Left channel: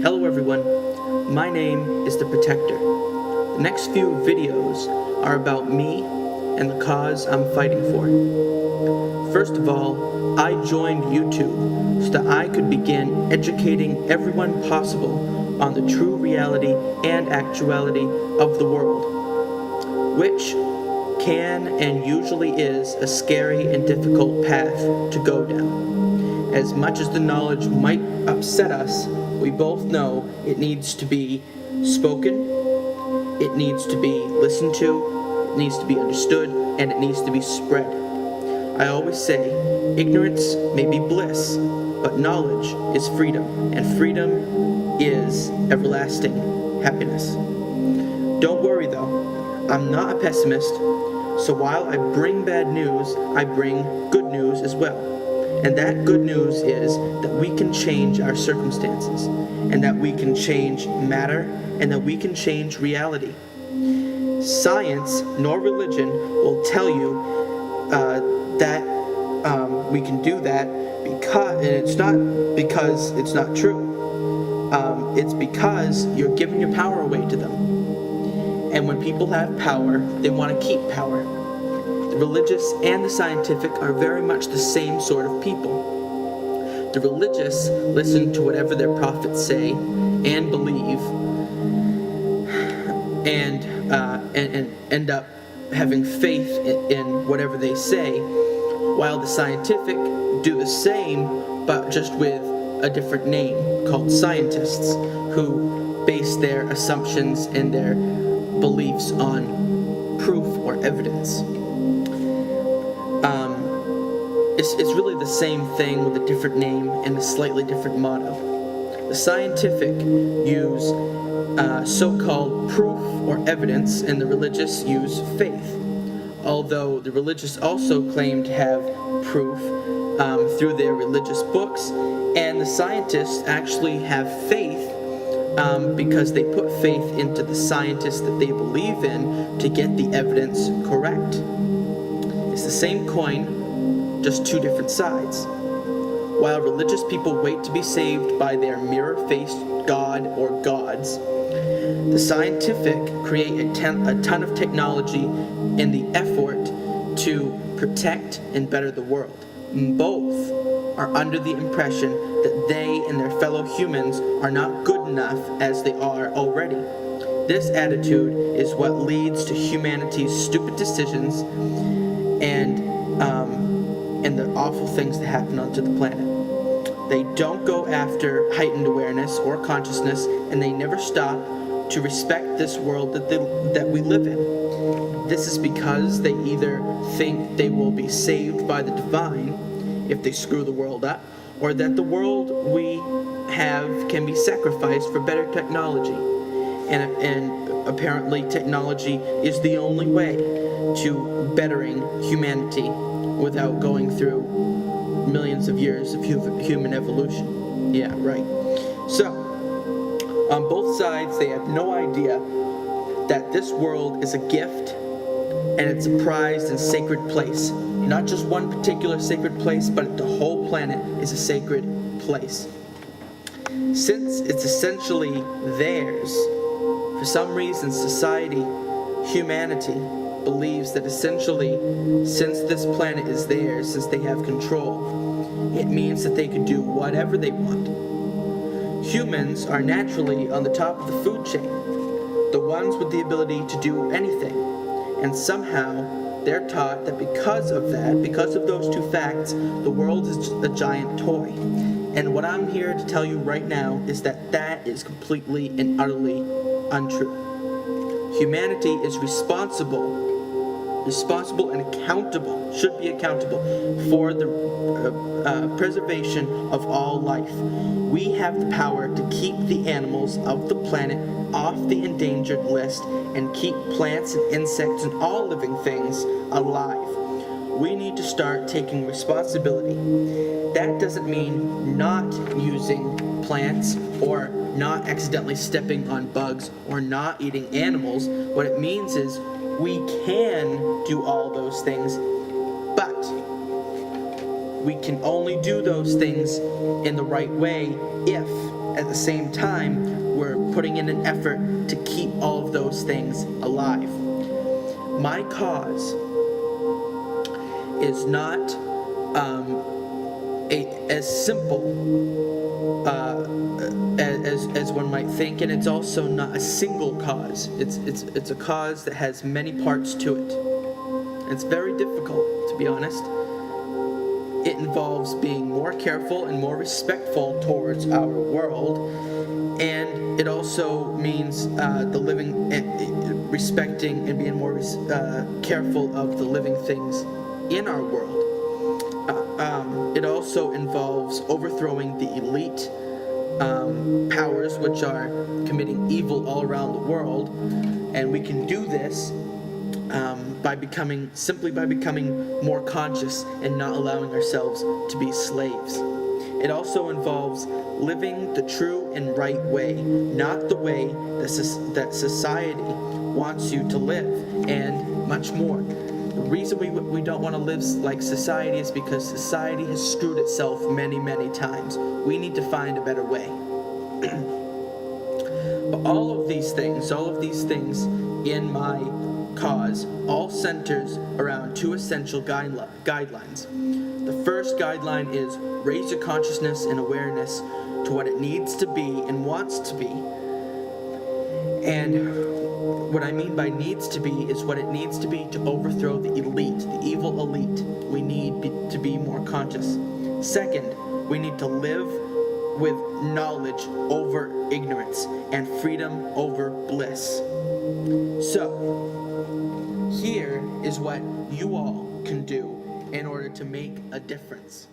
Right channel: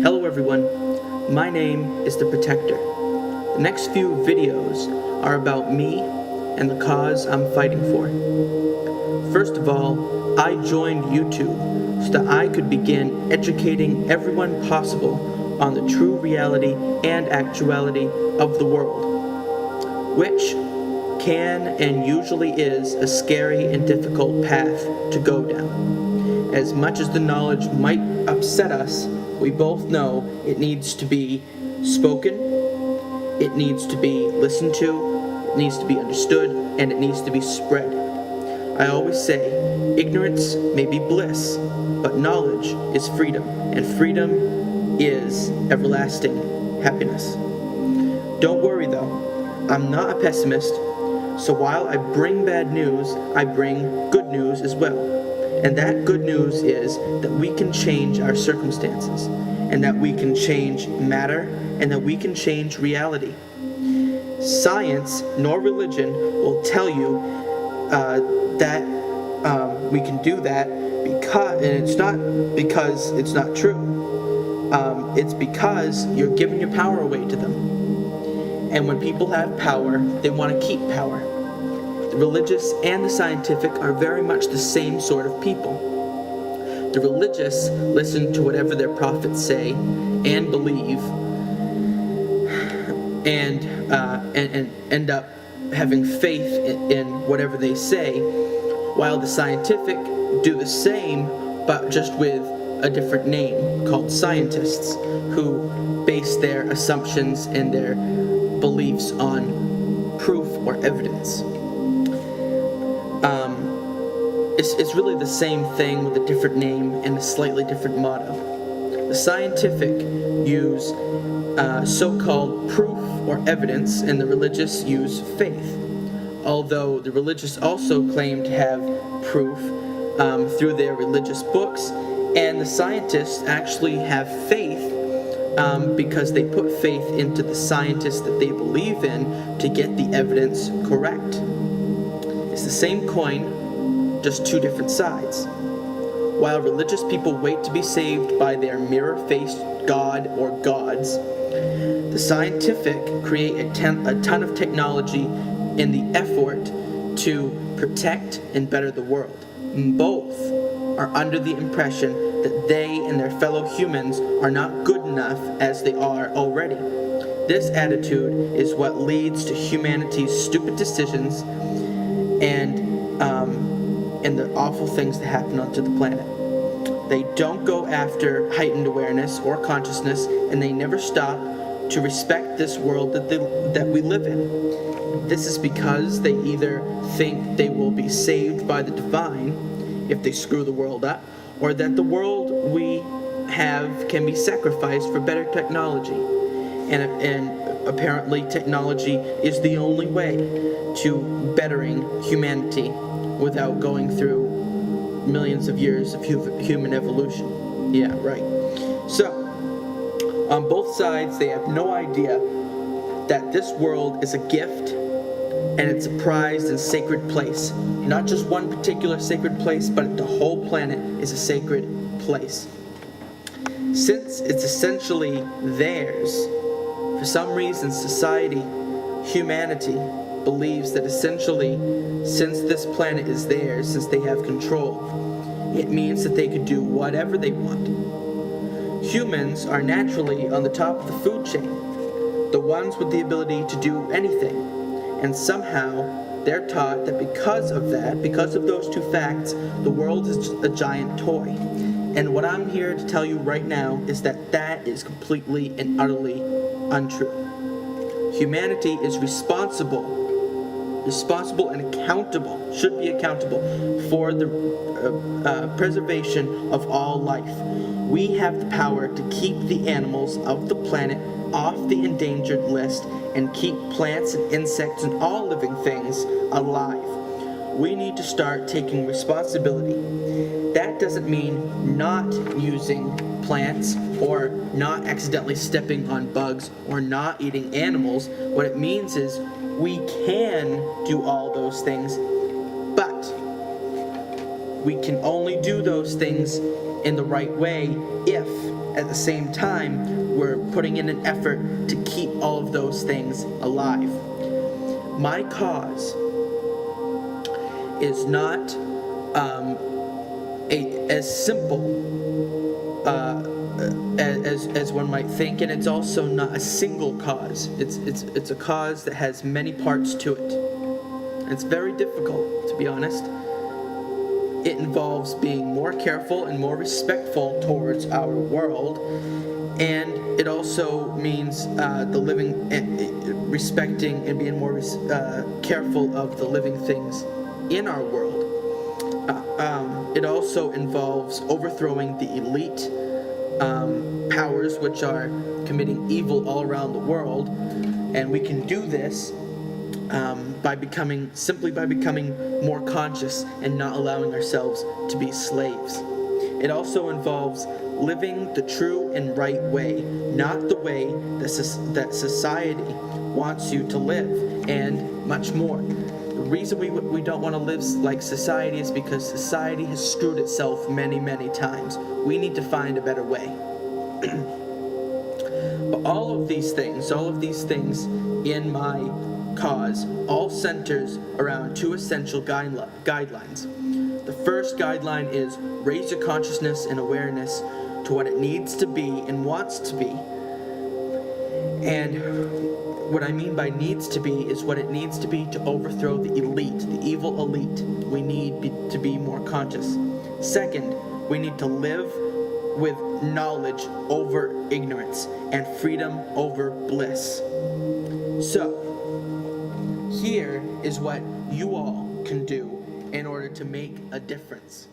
Hello everyone, my name is The Protector. The next few videos are about me and the cause I'm fighting for. First of all, I joined YouTube so that I could begin educating everyone possible on the true reality and actuality of the world, which can and usually is a scary and difficult path to go down. As much as the knowledge might upset us, we both know it needs to be spoken, it needs to be listened to, it needs to be understood, and it needs to be spread. I always say, ignorance may be bliss, but knowledge is freedom, and freedom is everlasting happiness. Don't worry though, I'm not a pessimist, so while I bring bad news, I bring good news as well. And that good news is that we can change our circumstances, and that we can change matter, and that we can change reality. Science nor religion will tell you that we can do that, and it's not because it's not true. It's because you're giving your power away to them. And when people have power, they want to keep power. The religious and the scientific are very much the same sort of people. The religious listen to whatever their prophets say and believe, and end up having faith in whatever they say, while the scientific do the same, but just with a different name, called scientists, who base their assumptions and their beliefs on proof or evidence. It's really the same thing with a different name and a slightly different motto. The scientific use so-called proof or evidence, and the religious use faith. Although the religious also claim to have proof through their religious books, and the scientists actually have faith because they put faith into the scientists that they believe in to get the evidence correct. It's the same coin, just two different sides. While religious people wait to be saved by their mirror-faced God or gods, the scientific create a ton of technology in the effort to protect and better the world. Both are under the impression that they and their fellow humans are not good enough as they are already. This attitude is what leads to humanity's stupid decisions and the awful things that happen onto the planet. They don't go after heightened awareness or consciousness, and they never stop to respect this world that we live in. This is because they either think they will be saved by the divine if they screw the world up, or that the world we have can be sacrificed for better technology. And apparently technology is the only way to bettering humanity without going through millions of years of human evolution. Yeah, right. So, on both sides, they have no idea that this world is a gift and it's a prized and sacred place. Not just one particular sacred place, but the whole planet is a sacred place. Since it's essentially theirs, for some reason society, humanity, believes that essentially, since this planet is theirs, since they have control, it means that they can do whatever they want. Humans are naturally on the top of the food chain, the ones with the ability to do anything, and somehow they're taught that because of those two facts, the world is a giant toy. And what I'm here to tell you right now is that that is completely and utterly untrue. Humanity is responsible and accountable, should be accountable for the preservation of all life. We have the power to keep the animals of the planet off the endangered list and keep plants and insects and all living things alive. We need to start taking responsibility. That doesn't mean not using plants or not accidentally stepping on bugs or not eating animals. What it means is we can do all those things, but we can only do those things in the right way if, at the same time, we're putting in an effort to keep all of those things alive. My cause is not as simple as one might think, and it's also not a single cause. It's a cause that has many parts to it. It's very difficult, to be honest. It involves being more careful and more respectful towards our world, and it also means the living, respecting and being more careful of the living things in our world. It also involves overthrowing the elite powers which are committing evil all around the world, and we can do this by becoming more conscious and not allowing ourselves to be slaves. It also involves living the true and right way, not the way that society wants you to live, and much more. The reason we don't want to live like society is because society has screwed itself many, many times. We need to find a better way. But all of these things in my cause all centers around two essential guidelines. The first guideline is raise your consciousness and awareness to what it needs to be and wants to be. And what I mean by needs to be is what it needs to be to overthrow the elite, the evil elite. We need to be more conscious. Second, we need to live with knowledge over ignorance and freedom over bliss. So, here is what you all can do in order to make a difference.